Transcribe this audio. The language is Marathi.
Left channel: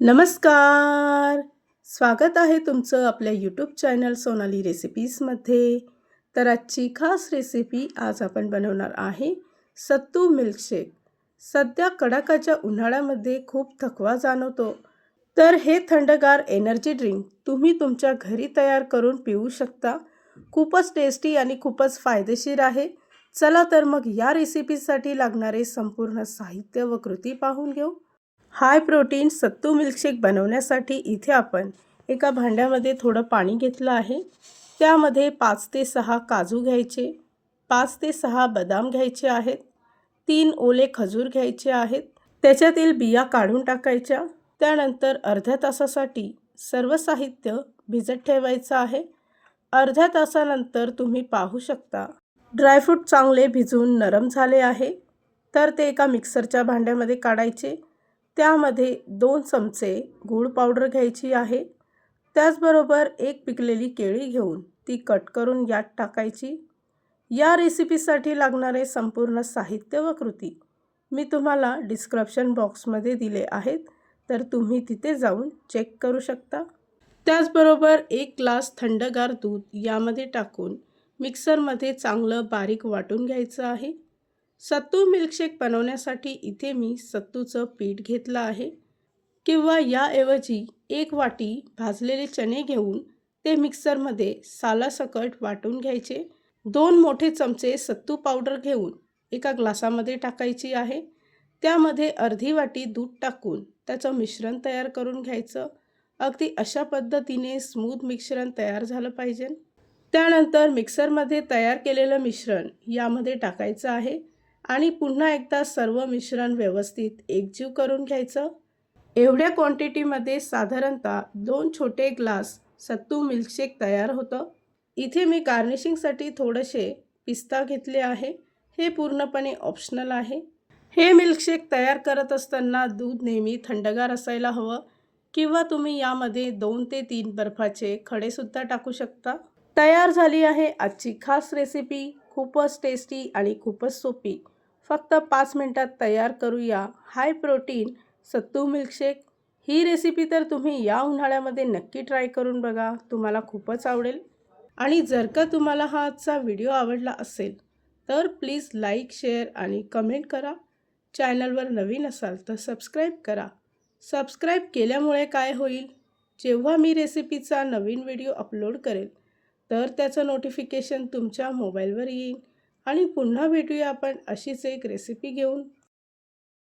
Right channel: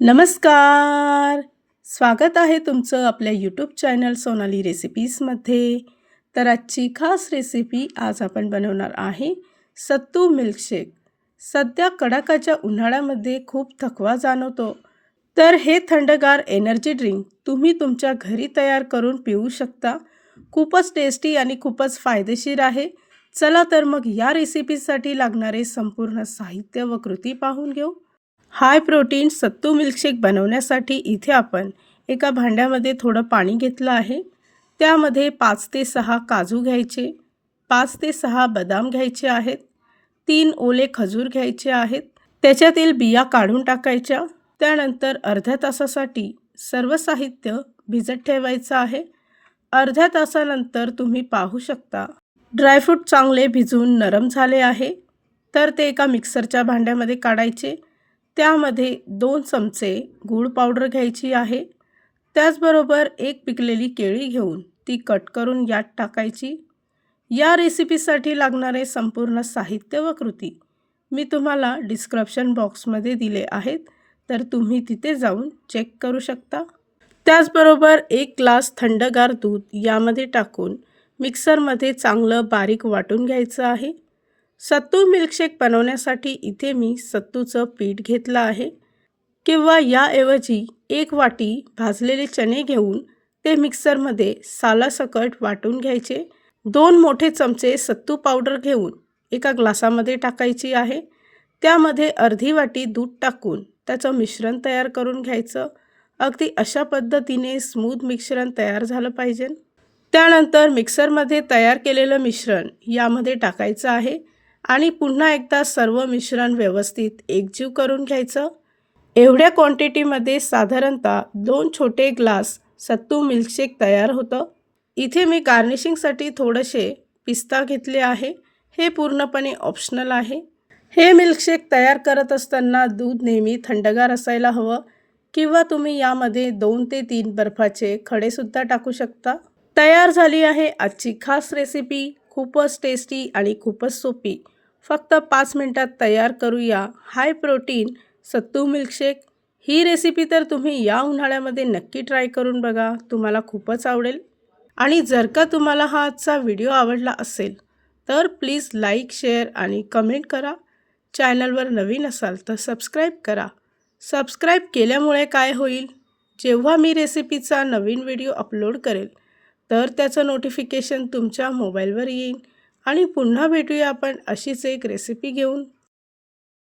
नमस्कार. स्वागत आहे तुमचं आपल्या यूट्यूब चॅनल सोनाली रेसिपीजमध्ये. तर आजची खास रेसिपी आज आपण बनवणार आहे सत्तू मिल्कशेक. सध्या कडाक्याच्या उन्हाळ्यामध्ये खूप थकवा जाणवतो. तर हे थंडगार एनर्जी ड्रिंक तुम्ही तुमच्या घरी तयार करून पिऊ शकता. खूपच टेस्टी आणि खूपच फायदेशीर आहे. चला तर मग या रेसिपीसाठी लागणारे संपूर्ण साहित्य व कृती पाहून घेऊ. हाय प्रोटीन सत्तू मिल्कशेक बनवण्यासाठी इथे आपण एका भांड्यामध्ये थोडं पाणी घेतलं आहे. त्यामध्ये 5 ते 6 काजू घ्यायचे, 5 ते 6 बदाम घ्यायचे आहेत, 3 ओले खजूर घ्यायचे आहेत. त्याच्यातील बिया काढून टाकायच्या. त्यानंतर अर्ध्या तासासाठी सर्व साहित्य भिजत ठेवायचं आहे. अर्ध्या तासानंतर तुम्ही पाहू शकता ड्रायफ्रूट चांगले भिजून नरम झाले आहे. तर ते एका मिक्सरच्या भांड्यामध्ये काढायचे. त्यामध्ये 2 चमचे गूळ पावडर घ्यायची आहे. त्याचबरोबर एक पिकलेली केळी घेऊन ती कट करून यात टाकायची. या रेसिपीसाठी लागणारे संपूर्ण साहित्य व कृती मी तुम्हाला डिस्क्रिप्शन बॉक्समध्ये दिले आहेत, तर तुम्ही तिथे जाऊन चेक करू शकता. त्याचबरोबर 1 ग्लास थंडगार दूध यामध्ये टाकून मिक्सरमध्ये चांगलं बारीक वाटून घ्यायचं आहे. सत्तू मिल्कशेक बनवण्यासाठी इथे मी सत्तूचं पीठ घेतलं आहे, किंवा याऐवजी 1 वाटी भाजलेले चणे घेऊन ते मिक्सरमध्ये सालासकट वाटून घ्यायचे. 2 मोठे चमचे सत्तू पावडर घेऊन एका ग्लासामध्ये टाकायची आहे. त्यामध्ये अर्धी वाटी दूध टाकून त्याचं मिश्रण तयार करून घ्यायचं. अगदी अशा पद्धतीने स्मूथ मिश्रण तयार झालं पाहिजे. त्यानंतर मिक्सरमध्ये तयार केलेलं मिश्रण यामध्ये टाकायचं आहे आणि पुन्हा एकदा सर्व मिश्रण व्यवस्थित एकजीव करून घ्यायचं. एवढ्या क्वांटिटीमध्ये साधारणतः 2 छोटे ग्लास सत्तू मिल्कशेक तयार होतं. इथे मी गार्निशिंगसाठी थोडेसे पिस्ता घेतले आहे. हे पूर्णपणे ऑप्शनल आहे. हे मिल्कशेक तयार करत असताना दूध नेहमी थंडगार असायला हवं, किंवा तुम्ही यामध्ये 2 ते 3 बर्फाचे खडेसुद्धा टाकू शकता. तयार झाली आहे आजची खास रेसिपी. खूपच टेस्टी आणि खूपच सोपी. फक्त 5 मिनिटात तयार करूया हाय प्रोटीन सत्तू मिल्कशेक. ही रेसिपी तर तुम्ही या उन्हाळ्यामध्ये नक्की ट्राय करून बघा. तुम्हाला खूपच आवडेल. आणि जर का तुम्हाला हा आजचा व्हिडिओ आवडला असेल तर प्लीज लाईक, शेअर आणि कमेंट करा. चॅनलवर नवीन असाल तर सबस्क्राईब करा. सबस्क्राईब केल्यामुळे काय होईल, जेव्हा मी रेसिपीचा नवीन व्हिडिओ अपलोड करेल तर त्याचं नोटिफिकेशन तुमच्या मोबाईलवर येईल. आणि पुन्हा भेटूया आपण अशीच एक रेसिपी घेऊन.